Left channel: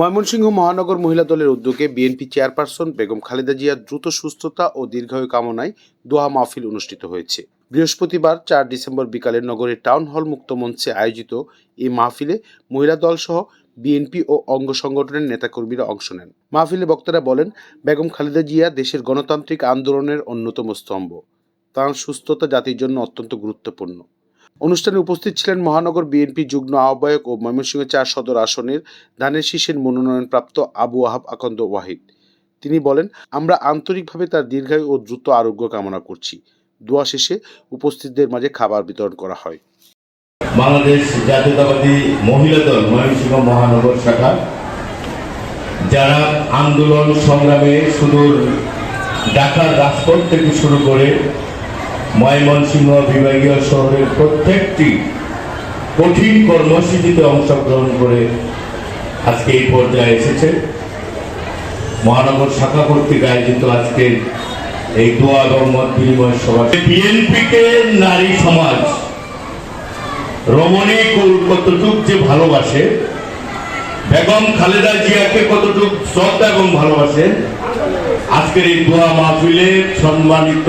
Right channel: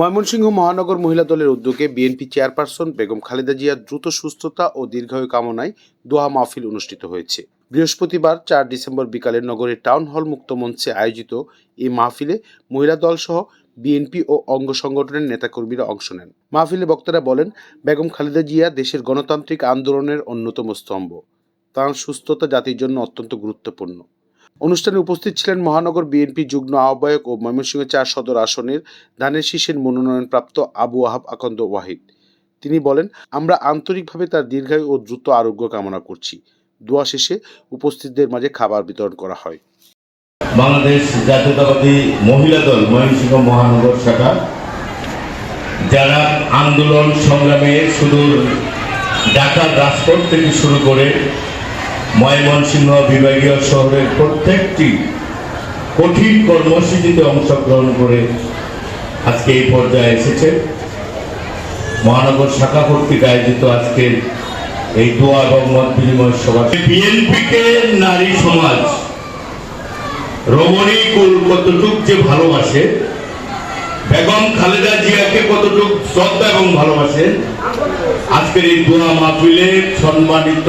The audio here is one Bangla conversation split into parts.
ময়মনসিংহ মহানগর মহিলা দলের উদ্যোগে বিএনপি চেয়ারপারসন বেগম খালেদা জিয়ার দ্রুত সুস্থতা ও দীর্ঘায়ু কামনায় দোয়া মাহফিল অনুষ্ঠিত হয়েছে। বৃহস্পতিবার চার ডিসেম্বর বিকালে নগরের টাউন হল মুক্ত মঞ্চে আয়োজিত এই মাহফিলে মহিলা দল সহ বিএনপি ও অঙ্গ সংগঠনের নেতাকর্মীরা অংশ নেন। মাহফিলে বক্তারা বলেন, বেগম খালেদা জিয়া দেশের গণতান্ত্রিক আন্দোলনের অন্যতম স্তম্ভ। তাঁর সুস্থতা জাতির জন্য অত্যন্ত গুরুত্বপূর্ণ। অনুষ্ঠানে উপস্থিত ছিলেন মহানগর বিএনপি যুগ্ম আহ্বায়ক ও ময়মনসিংহ চার সদর আসনের ধানের শীষের মনোনয়নপ্রাপ্ত আবু আহাব আকন্দ ওয়াহিদ। তিনি বলেন, আমরা আন্তরিকভাবে তার দীর্ঘায়ু ও দ্রুত আরোগ্য কামনা করছি। দোয়া শেষে উপস্থিতদের মাঝে খাবার বিতরণ করা হয়। বাংলাদেশ জাতীয়তাবাদী মহিলা দল ময়মনসিংহ মহানগর শাখা, যারা আন্দোলন সংগ্রামে সুদূর ঢাকার রাজপথ থেকে শুরু করে ময়মনসিংহ বিভাগীয় শহরের প্রত্যেকটি কঠিন কর্মসূচিতে অংশগ্রহণ করে আজকে এই পর্যায়ে এসেছে। মহানগর শাখা কর্তৃক আয়োজিত আজকের এই দোয়া এবং মত বিনিময় সভা। বিএনপিকে নারী সমাজ, রমণী কুল কতটুক যে ভালোবাসে, বেগম খালেদা জিয়াকে কতটুক শ্রদ্ধা এবং ভালোবাসে, আজকের এই দোয়া মাহফিলে সম্মানিত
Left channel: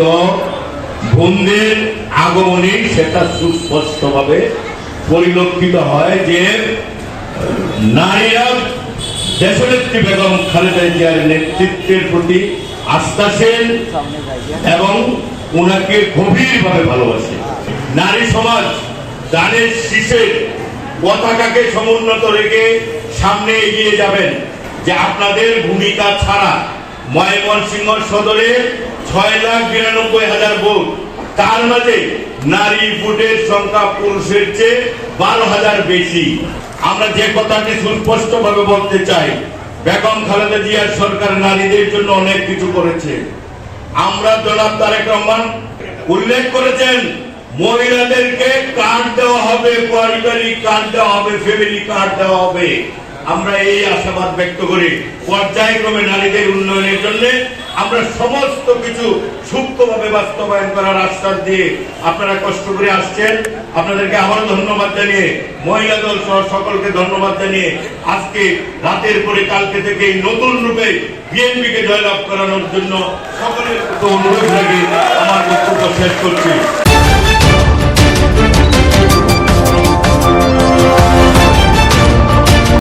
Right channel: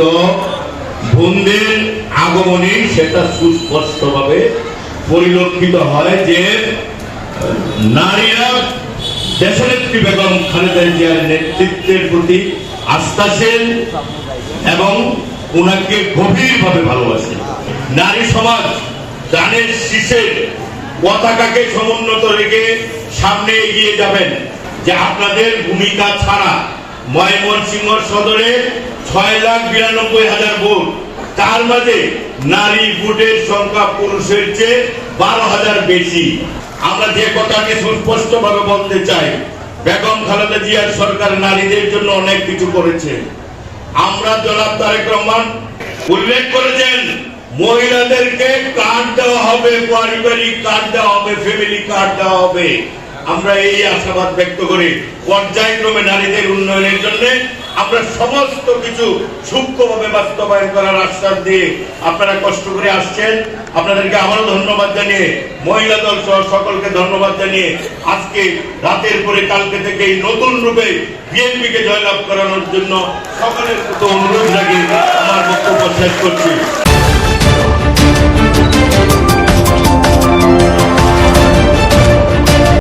বোনদের আগমনে সেটা সুস্পষ্টভাবে পরিলক্ষিত হয় যে নারীরা বেগম খালেদা জিয়ার নেতৃত্বের প্রতি এবং ওনাকে গভীরভাবে নারী সমাজ, দানের শীষে পতাকাকে সমুন্নত রেখে সামনে এগিয়ে যাবেন যে আপনাদের ভূমিকা ছাড়া ময়মনসিংহ সদরে ছয় লাখ বিরানব্বই হাজার ভোট। তার মাঝে নারী ভোটের সংখ্যা পুরুষের চেয়ে বারো হাজার বেশি। আমরা যে কথাটি সুস্পষ্ট ভাবে বলতে চাই, বেগম খালেদা জিয়ার সরকার নারীদের জন্য অনেক কিছু করেছে। আমরা জনাব তারেক রহমান উল্লেখ করেছেন, মহিলাদেরকে কার্ড দেওয়া হবে, পারিবারিক কার্ড দেওয়া হবে ফ্যামিলি কার্ড দেওয়া হবে। আমরা এই আশাবাদ ব্যক্ত করি, পর্যায়ক্রমে নারীদের উন্নয়নের জন্য আমরা সমস্ত কিছু সূক্ষ্মভাবে বাস্তবায়ন করার আশ্বাস দিয়ে আপনারা কষ্ট করে আসছেন। আপনাদেরকে আমারও ধন্যবাদ জানিয়ে, মহিলা দল সহ সকলকে ধন্যবাদ জানিয়ে আজকে রাতের পরে কালকে থেকে এই নতুন রূপে বিএনপিকে জয়লাভ করানোর জন্য সকলের অনুরোধ রাখি আমার বক্তব্য শেষ করছি।